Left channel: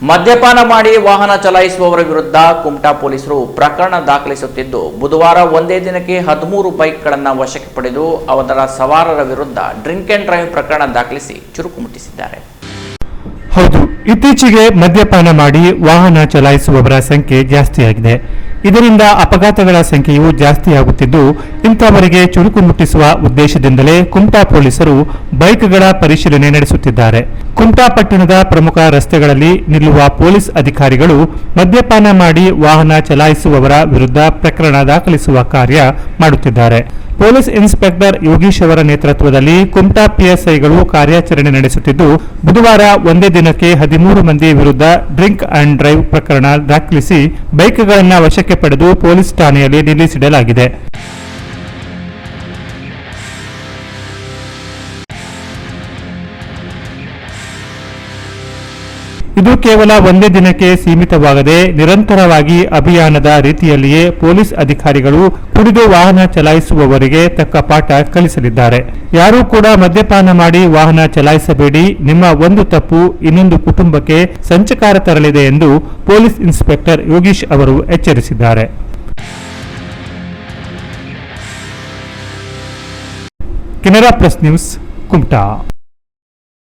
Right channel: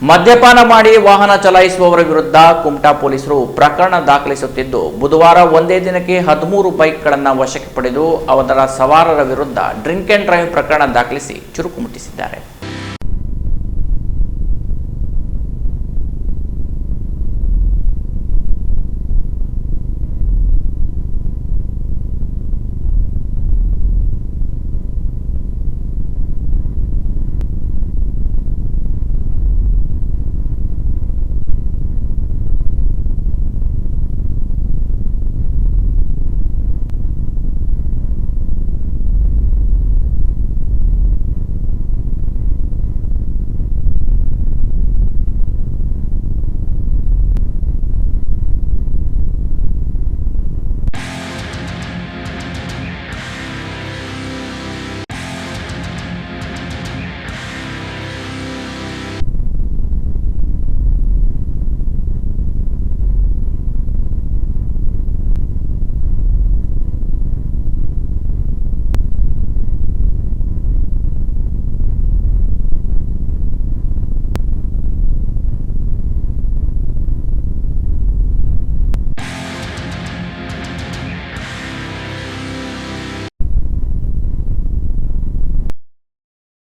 ಮದ್ಯಪಾನ ಮಾಡಿ ವಾಹನ ಚಲಾಯಿಸುವವರ ವಿರುದ್ಧ ಕುಮಟಾ ಪೊಲೀಸರು ಪ್ರಕರಣ ದಾಖಲಿಸುತ್ತಿದ್ದು, ಬುಧವಾರ ಒಂದೇ ದಿನಕ್ಕೆ ಹದಿಮೂರು ಬೈಕ್ಗಳನ್ನು ವಶಕ್ಕೆ ಪಡೆದು ಅವರ ಸವಾರರ ವಿರುದ್ಧ ಡ್ರಿಂಕ್ ಅಂಡ್ ಡ್ರೈವ್ ಪ್ರಕರಣ ದಾಖಲಿಸಿ ಚುರುಕು ಮುಟ್ಟಿಸಿದ್ದಾರೆ. ಹೌದು, ಇತ್ತೀಚೆಗೆ ಮದ್ಯಪಾನ ಮಾಡಿ ವಾಹನ ಚಲಾಯಿಸುವವರ ಸಂಖ್ಯೆ ಜಾಸ್ತಿಯಾಗಿದೆ. ಇದರಿಂದ ಅಪಘಾತಗಳ ಸಂಖ್ಯೆಯು ಜಾಸ್ತಿಯಾಗುತ್ತಿದ್ದು ಇಂಥವರಿಗೆ ಚುರುಕು ಮುಟ್ಟಿಸುವ ಉದ್ದೇಶದಿಂದಲೇ ಕುಮಟಾ ಪೊಲೀಸರು ಬೈಕ್ಗಳ ಪರಿಶೀಲನೆ ನಡೆಸುತ್ತಿದ್ದಾರೆ. ಕುಮಟಾ ಪಟ್ಟಣದ ಪ್ರಮುಖ ರಸ್ತೆಗಳಲ್ಲಿ ನಿಲ್ಲುವ ಪೊಲೀಸ್ ಅಧಿಕಾರಿಗಳು ಮದ್ಯಪಾನ ಮಾಡಿ ವಾಹನ ಚಲಾಯಿಸುವವರ ವಿರುದ್ಧ ಪ್ರಕರಣ ದಾಖಲಿಸುವ ಕಾರ್ಯ ಮಾಡುತ್ತಿದ್ದಾರೆ. ಪೊಲೀಸ್ ಇನ್ಸ್ಪೆಕ್ಟರ್ ಯೋಗೀಶ್ ಅವರ ನೇತೃತ್ವದಲ್ಲಿ ಕುಮಟಾ ಪಿಎಸ್ಐಗಳು ಕಾರ್ಯಾಚರಣೆ ನಡೆಸುತ್ತಿದ್ದು, ಬುಧವಾರ ಒಂದೇ ದಿನಕ್ಕೆ ಹದಿಮೂರು ಮಂದಿ ವಿರುದ್ಧ ಡ್ರಿಂಕ್ ಅಂಡ್ ಡ್ರೈವ್ ಪ್ರಕರಣ ದಾಖಲಿಸಿ ಬೈಕ್ಗಳನ್ನು ವಶಕ್ಕೆ ಪಡೆದು ಪೊಲೀಸ್ ಠಾಣೆಯಲ್ಲಿ ನಿಲ್ಲಿಸಿಡಲಾಗಿದೆ. ಇದು ಕೇವಲ ಒಂದೇ ದಿನಕ್ಕೆ ಸೀಮಿತವಾಗದೆ ನಿರಂತರವಾಗಿ ಅಭಿಯಾನದ ರೀತಿಯಲ್ಲಿಯೇ ಪೊಲೀಸ್ ಅಧಿಕಾರಿಗಳು ಕುಡಿದು ವಾಹನ ಚಲಾಯಿಸುವವರಿಗೆ ತಕ್ಕ ಪಾಠ ಕಲಿಸಲಿದ್ದಾರೆ. ಯಾರೂ ಕೂಡ ಮದ್ಯಪಾನ ಮಾಡಿ ವಾಹನ ಚಲಾಯಿಸಬೇಡಿ. ನಿಮ್ಮ ಒಂದು ತಪ್ಪು ಇನ್ನೊಂದು ಕುಟುಂಬಕ್ಕೆ ಸಂಚಕಾರ ತರಲಿದೆ ಎಂದು ಪೊಲೀಸ್ ಇನ್ಸ್ಪೆಕ್ಟರ್ ಯೋಗೀಶ್ ಅವರು ಎಚ್ಚರಿಸಿದ್ದಾರೆ. Canara plus news, Kumta.